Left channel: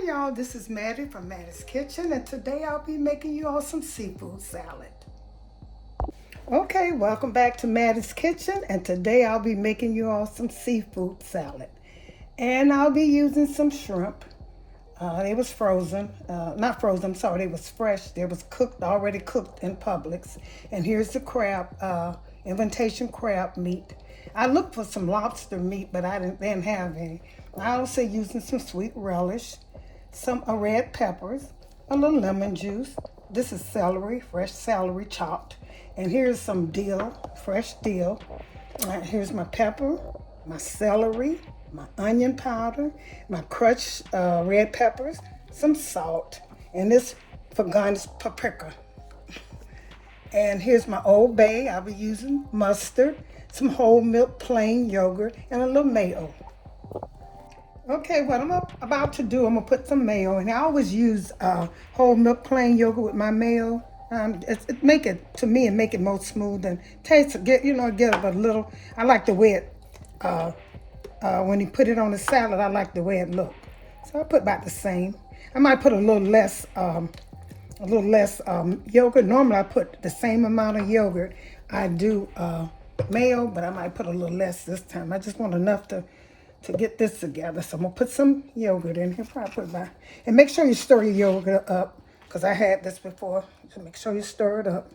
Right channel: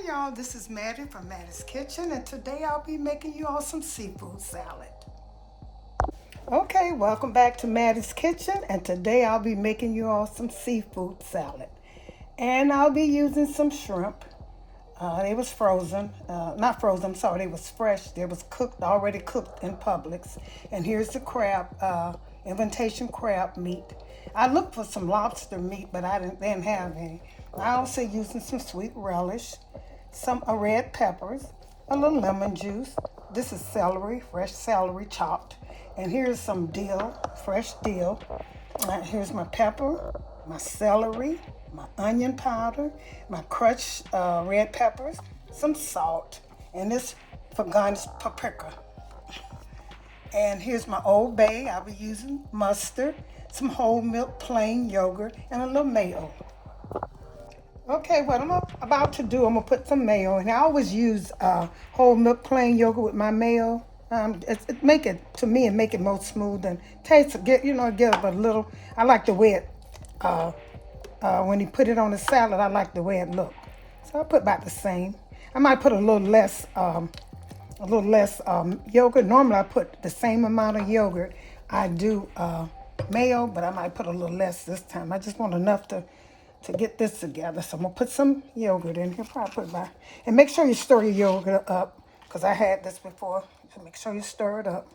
Hi y'all, this is Mattie from Mattie's Kitchen, and today I'll be making you all some seafood salad. Okay, welcome back to Mattie's Kitchen, and today I'll be making you all some seafood salad. And I'll be using some shrimp. They was frozen, not frozen, I'm sorry, they was fresh. They was cooked, already cooked in Publix. And here's the crab, invitation crab meat. I looked for some lobster meat, but I didn't have any. I also using some sweet relish, some red peppers, a little lemon juice. This is celery, fresh celery chopped. And here's some dill, fresh dill. Here's my pepper, my celery, my onion powder, my crushed red peppers, some salt, and this for garnish paprika. And here's my Old Bay. I'll be using mustard, some whole milk plain yogurt, and a little mayo. Okay, what I'm about to do, I'm gonna put some mayo, and I always use whole milk plain yogurt with my mayo. It make it, to me, it make it more smooth and taste. Get a little. I like the way it when you put it on the salad. I like the way it look. So I put about the same. I might put a little less yogurt. Normally I put the same amount of yogurt I do mayo, but I might put a little less this time. I just want enough to get this together. So I'm gonna put some yogurt in here. Probably put about, and make sure you stir your yogurt up, because I had this before. So make sure you stir it up.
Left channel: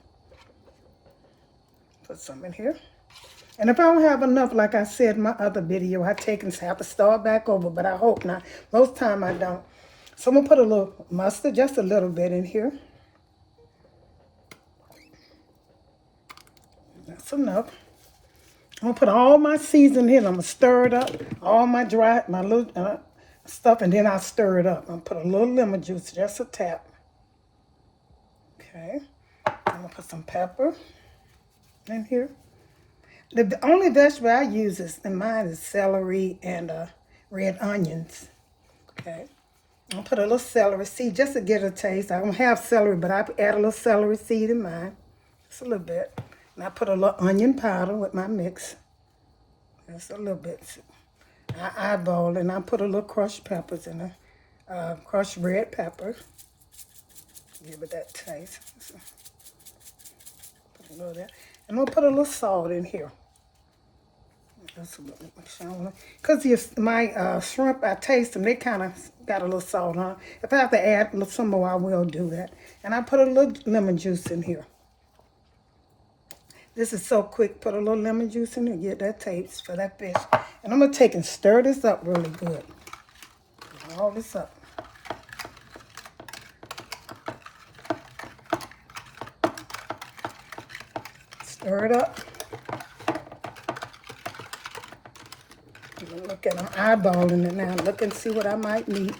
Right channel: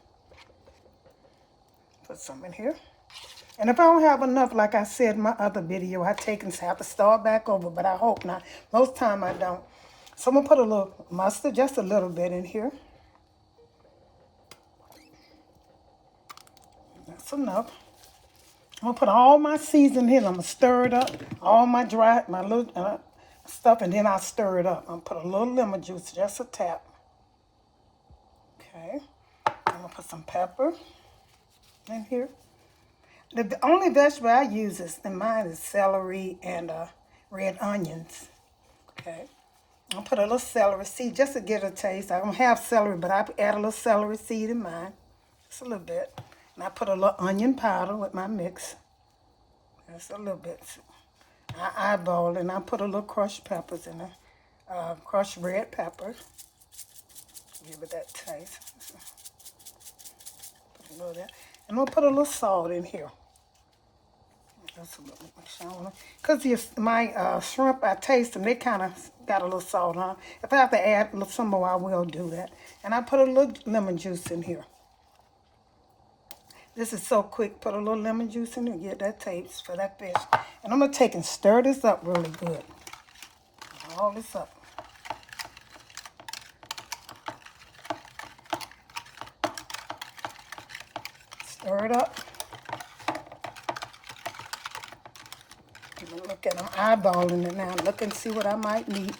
Put some in here. And if I don't have enough, like I said in my other video, I take and have to start back over, but I hope not. Most time I don't. So I'm gonna put a little mustard, just a little bit in here. That's enough. I'm gonna put all my seasoning in. I'm gonna stir it up, all my little stuff, and then I'll stir it up. I'm gonna put a little lemon juice, just a tap. Okay. I'm gonna put some pepper in here. The only vegetable I use in mine is celery and red onions. Okay. I'll put a little celery seed just to get a taste. I don't have celery, but I add a little celery seed in mine. Just a little bit. And I put a little onion powder with my mix. Just a little bit. I eyeball, and I put a little crushed peppers in there. Crushed red peppers. Give it that taste. So, put a little of that. And I'm going to put a little salt in here. Because my shrimp, I taste them, they kind of got a little salt on. If I have to add some more, I will do that. And I put a little lemon juice in here. This is so quick. Put a little lemon juice in there, get that taste for that fish. And I'm going to take and stir this up really good. All this up. Stir it up. Look at, I'm eyeballing it now. Look and see what I might need.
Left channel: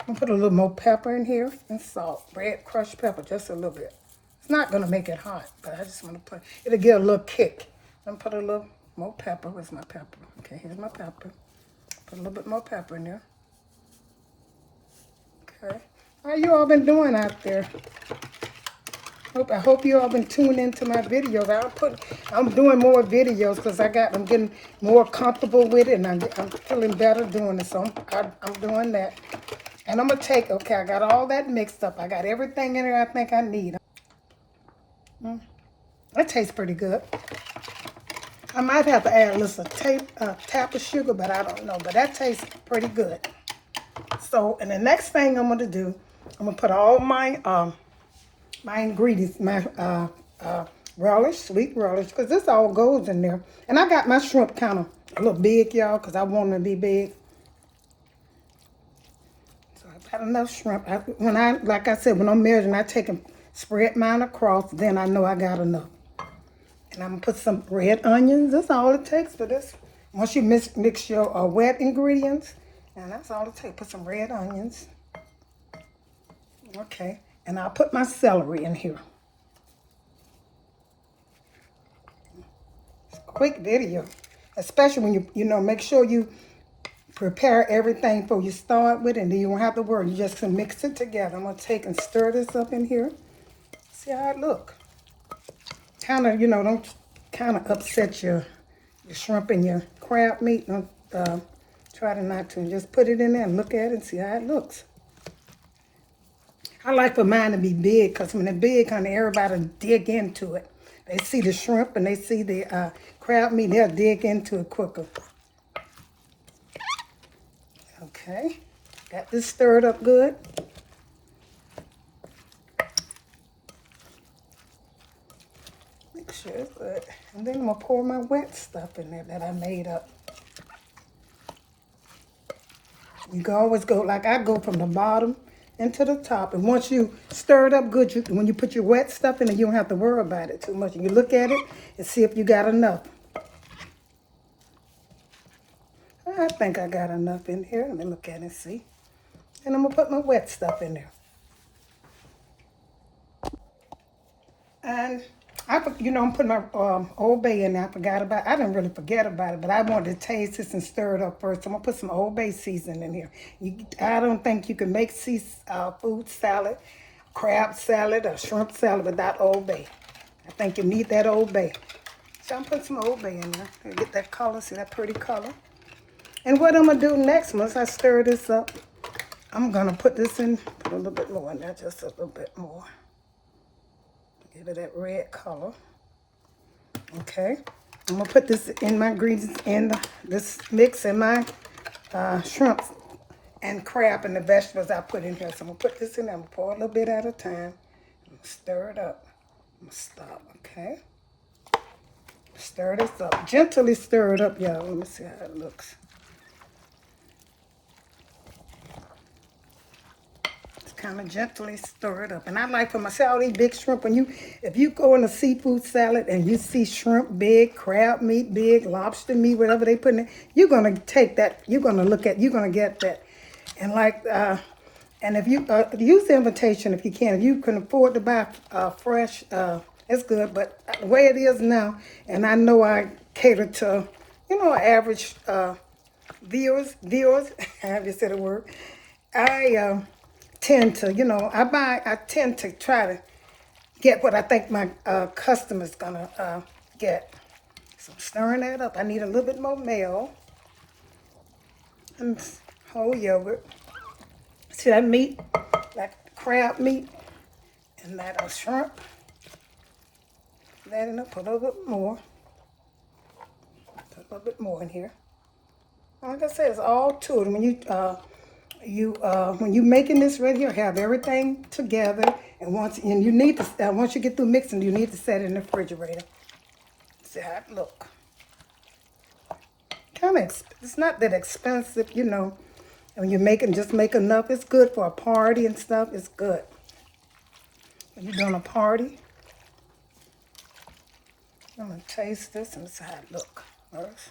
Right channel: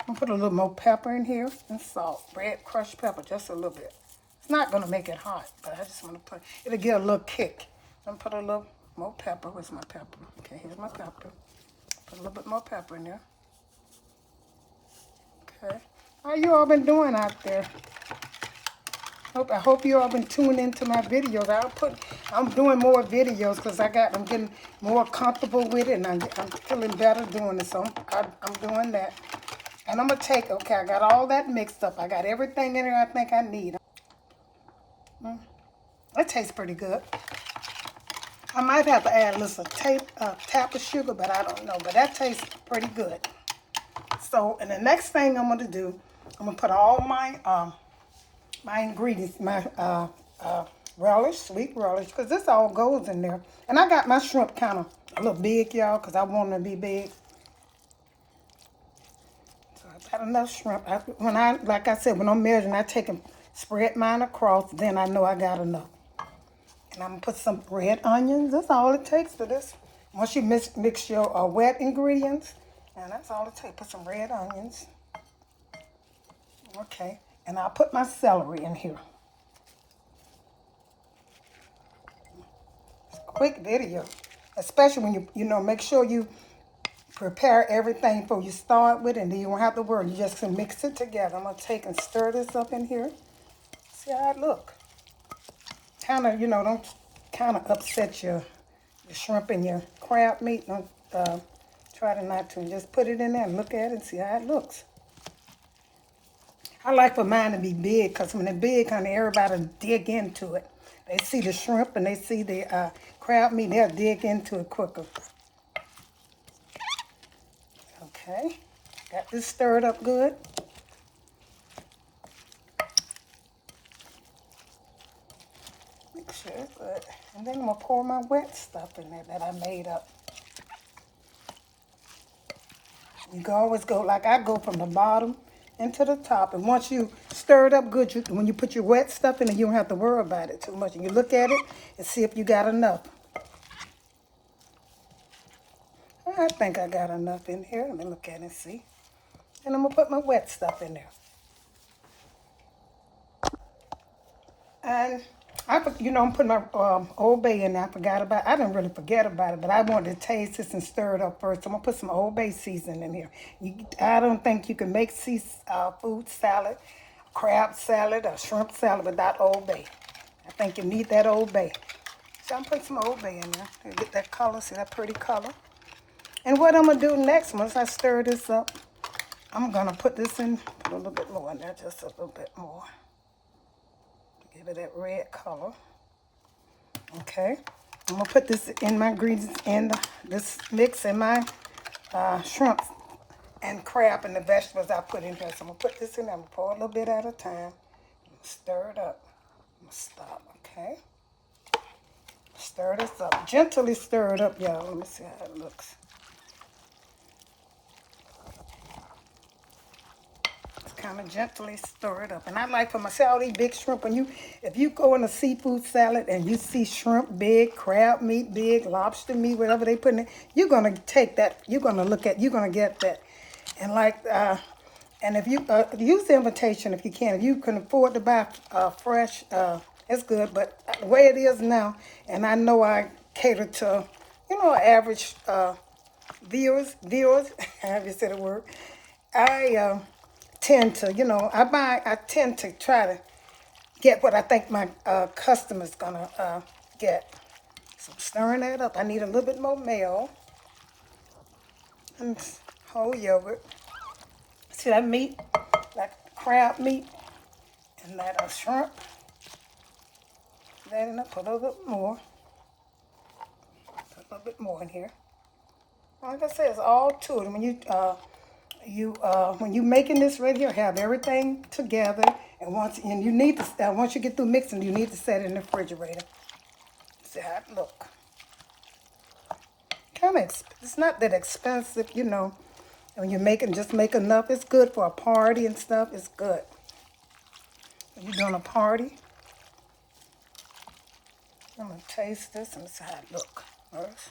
I'm going to put a little more pepper in here and salt. Red crushed pepper, just a little bit. It's not going to make it hot, but I just want to put, it'll get a little kick. I'm going to put a little more pepper. Where's my pepper? Okay, here's my pepper. Put a little bit more pepper in there. Okay. How you all been doing out there? I hope you all been tuning into my videos. I'm doing more videos because I'm getting more comfortable with it, and I'm feeling better doing it. So I'm doing that. And I'm gonna take, okay, I got all that mixed up. I got everything in there I think I need. That tastes pretty good. I might have to add a little tap of sugar, but I don't know. But that tastes pretty good. So, and the next thing I'm gonna do, I'm gonna put all my ingredients, my relish, sweet relish, because this all goes in there. And I got my shrimp kind of a little big, y'all, because I want them to be big. So I've got enough shrimp. Like I said, when I'm measuring, I take and spread mine across, then I know I got enough. And I'm going to put some red onions. That's all it takes for this. Once you mix your wet ingredients, and that's all it takes. Put some red onions. Okay. And I'll put my celery in here. It's a quick video. Especially when you make sure you prepare everything before you start with it, and then you won't have to worry. You just can mix it together. I'm going to take and stir this up in here. See how it look. Kind of, don't kind of upset your shrimp and your crab meat. Don't Try to not to. Just put it in there and look at it and see how it looks. I like for mine to be big because when they're big, honey, everybody dig into it. They see the shrimp and they see the crab meat, they'll dig into it quicker. Okay, got this stirred up good. Make sure it's good. And then I'm going to pour my wet stuff in there that I made up. You can always go, like I go from the bottom into the top. And once you stir it up good, when you put your wet stuff in it, you don't have to worry about it too much. You look at it and see if you got enough. I think I got enough in here. Let me look at it and see. And I'm going to put my wet stuff in there. And I'm putting my Old Bay in there. I forgot about it. I didn't really forget about it, but I wanted to taste this and stir it up first. I'm going to put some Old Bay seasoning in here. I don't think you can make food salad, crab salad, or shrimp salad without Old Bay. I think you need that Old Bay. So I'm putting some Old Bay in there. Get that color, see that pretty color. And what I'm going to do next, once I stir this up, I'm going to put this in, put a little bit more in there, just a little bit more. Give it that red color. Okay, I'm gonna put this in my ingredients in this mix in my shrimp and crab and the vegetables I put in here. So I'm gonna put this in there. I'm gonna pour a little bit at a time. I'm gonna stir it up. I'm gonna stop. Okay. Stir this up. Gently stir it up, y'all. Let me see how it looks. Kind of gently stir it up. And I like for myself, all these big shrimp, if you go in a seafood salad and you see shrimp big, crab meat big, lobster meat, whatever they put in it, you're going to take that, you're going to get that. And and if you use the invitation if you can. If you can afford to buy fresh, it's good. But the way it is now, and I know I cater to, average viewers, have you said a word, I tend to, I tend to try to get what I think my customer's gonna get. So I'm stirring that up. I need a little bit more mayo and whole yogurt. See that meat, that crab meat, and that shrimp. That and I put a little bit more. Put a little bit more in here. Like I said, it's all to it. When when you're making this right here, have everything together, and once you get through mixing, you need to set it in the refrigerator. See how it look. It's not that expensive, When you're making, just make enough. It's good for a party and stuff. It's good. When you're doing a party, I'm gonna taste this and see how it look first.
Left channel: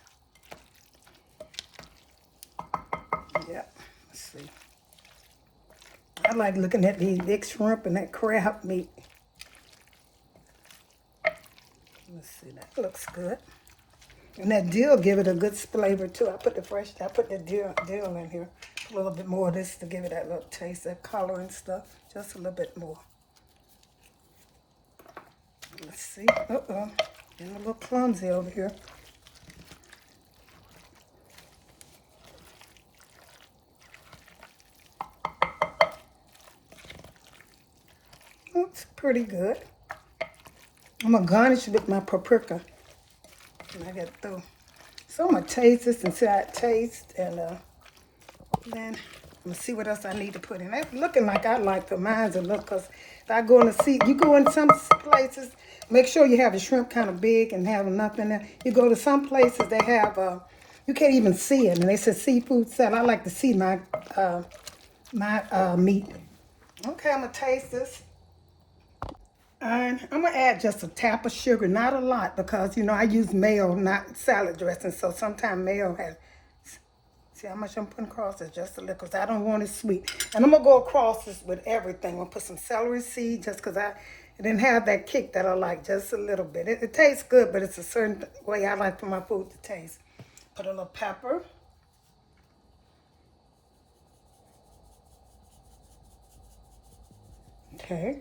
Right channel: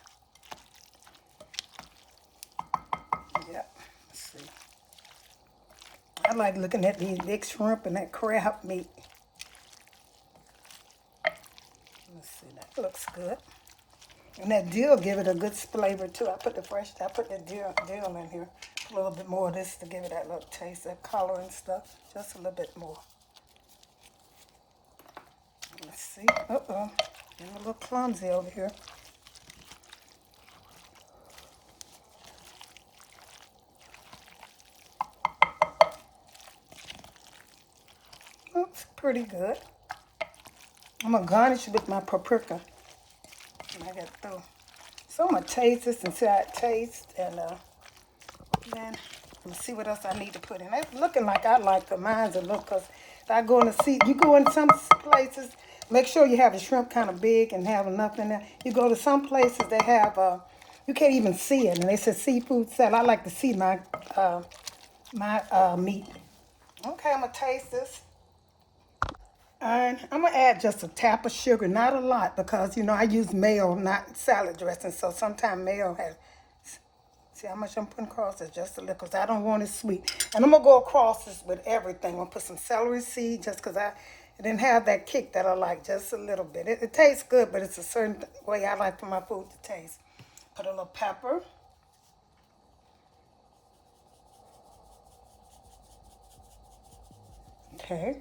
Yeah. See. I like looking at these big shrimp and that crab meat. Let's see, that looks good. And that dill give it a good flavor too. I put the dill in here. A little bit more of this to give it that little taste, that color and stuff. Just a little bit more. Let's see. Uh-oh. Getting a little clumsy over here. Looks pretty good. I'm going to garnish it with my paprika when I get through. So I'm going to taste this and see how it tastes. And then I'm going to see what else I need to put in. It's looking like I like for mine to look. Because if I go you go in some places, make sure you have the shrimp kind of big and have enough in there. You go to some places, they have, you can't even see it. And they say seafood salad. I like to see my meat. Okay, I'm going to taste this. And I'm going to add just a tap of sugar, not a lot, because, I use mayo, not salad dressing. So sometimes mayo has, see how much I'm putting across this? Just a little, because I don't want it sweet. And I'm going to go across this with everything. I'm going to put some celery seed just because it didn't have that kick that I like, just a little bit. It tastes good, but it's a certain way I like for my food to taste. Put a little pepper. Okay.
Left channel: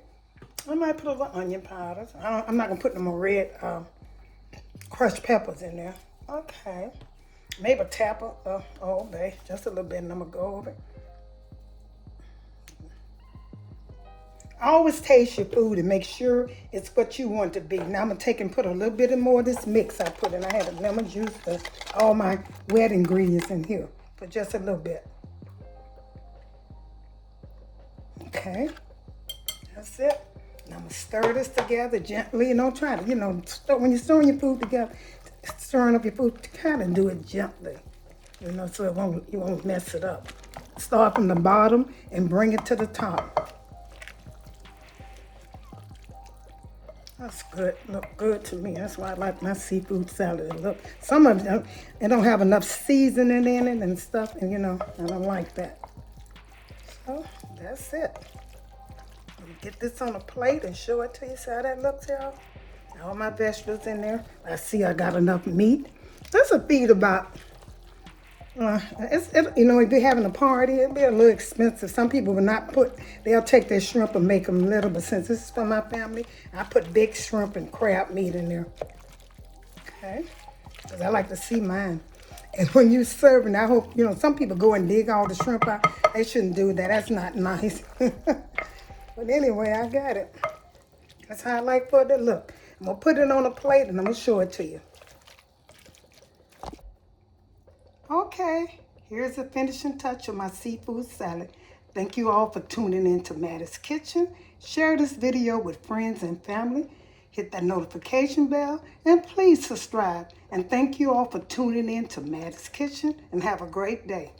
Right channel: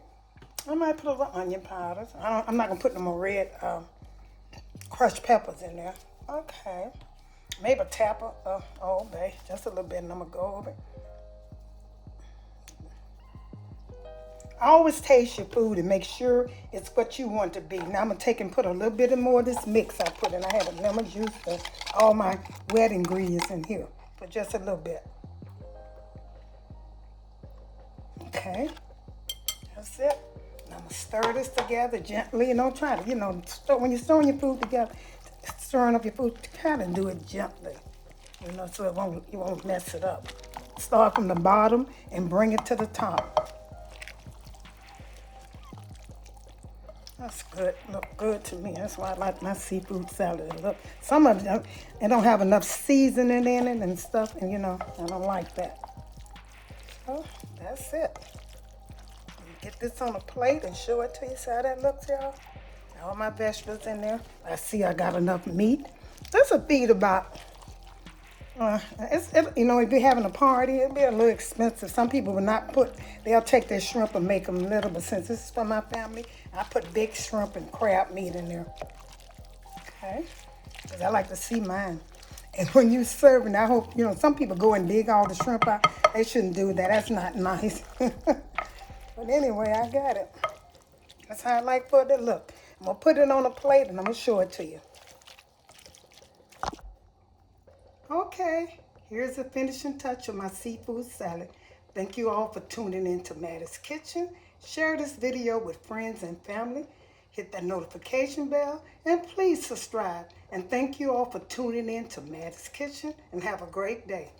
I might put a little onion powder. I'm not going to put no more red crushed peppers in there. Okay. Maybe a tap of Old Bay, just a little bit, and I'm gonna go over it. Always taste your food and make sure it's what you want it to be. Now I'm gonna take and put a little bit more of this mix I put in. I had a lemon juice for all my wet ingredients in here, but just a little bit. Okay, that's it. Now I'm gonna stir this together gently. And don't try to, when you're stirring your food together, stirring up your food, kind of do it gently, so you won't mess it up. Start from the bottom and bring it to the top. That's good. Look good to me. That's why I like my seafood salad. Look, some of them, they don't have enough seasoning in it and stuff, and I don't like that. So that's it. Get this on a plate and show it to you. See how that looks, y'all? All my vegetables in there. I see I got enough meat. This will feed about. If you're having a party, it'll be a little expensive. Some people will not they'll take their shrimp and make them little, but since this is for my family, I put big shrimp and crab meat in there. Okay? Because I like to see mine. And when you serving, I hope, some people go and dig all the shrimp out. They shouldn't do that. That's not nice. But anyway, I got it. That's how I like for it to look. I'm going to put it on a plate and I'm going to show it to you. Okay, here's the finishing touch of my seafood salad. Thank you all for tuning in to Mattie's Kitchen. Share this video with friends and family. Hit that notification bell and please subscribe. And thank you all for tuning in to Mattie's Kitchen and have a great day.